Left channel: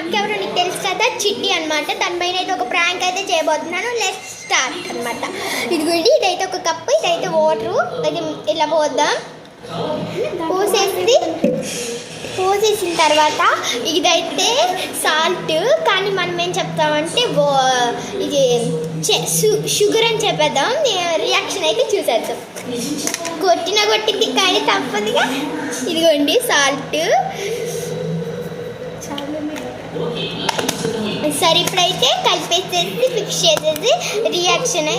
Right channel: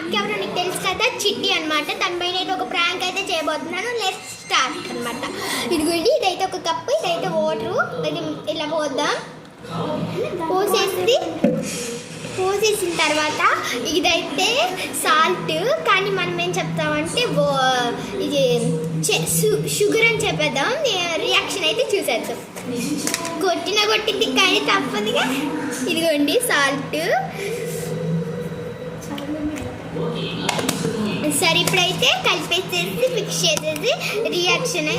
అక్క ఎవరో నీకు తెలుసు కదా, చిట్టి అనమాట. దానిపైన అయితే ఒక ప్రాంక్ అయితే చేయబోతున్నాను. లెట్స్ స్టార్ట్ అనమాట. ఇదిగోండి, ఇదైతే ఒక కప్పు, ఇదైతే వాటరు. అది ఇలా పోద్దాం. పోసేసిన తర్వాత ఇదైతే సాల్ట్, కానీ మనం ఏం చెప్తామంటే ఇది షుగర్ అని చెప్పేద్దాం. రియాక్షన్ అయితే చూసేద్దాం. కొట్టింది కానీ తప్పదుగా. ఇదిగోండి సాల్ట్. సరే, ఇప్పుడైతే కలిపేసేసి మిక్స్ చేసేసి రియాక్షన్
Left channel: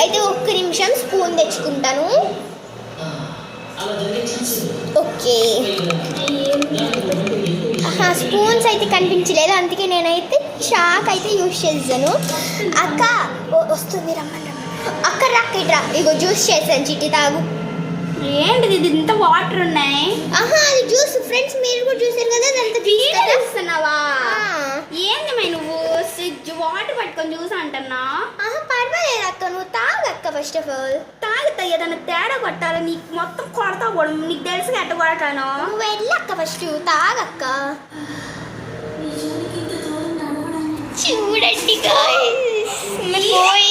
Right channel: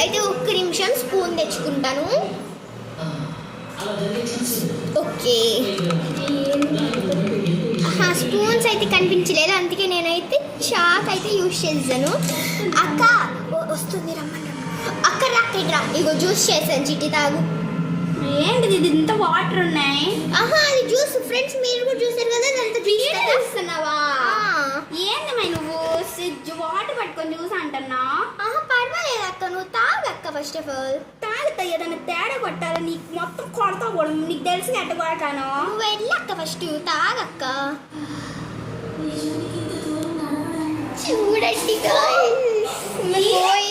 అయితే ఒక్క నిమిషం స్పూన్ తెచ్చుకుంటాను. ఓకే, స్పూన్స్ అయితే కనిపించలేదు, అందుకే నేనైతే చాక్ అయితే యూజ్ చేసాను. అక్క వస్తుంది, రమ్మన్నా. అక్క రాక్కడ్రా, ఇగో జ్యూస్ చేశాను. చిట్టి తాగు. ఏంటిది, ఇది ఇంత వాటర్ ఉన్నాయి? అది జ్యూస్. ఫ్రెండ్స్, మీరు కూడా చూసారు కదా, అదంతా చూస్తున్నావా? ఏంది మై నువ్వు వాటర్ పట్టుకొని జ్యూస్ అంటున్నా? పర్వాలేదు అక్క, నువ్వు తాగక్క. ఫస్ట్ ఆఫ్ ఆల్ తాగుతా, ఏదన్నా తేడా కొట్టాలి. నీకు మొత్తం కొడతా కూడా, నీకు తెలుసు ఎట్ట కొడతాను. నువ్వు వెళ్ళక్క, ఫస్ట్ తాగక్క. చూడండి గాయ్స్, పోయింది.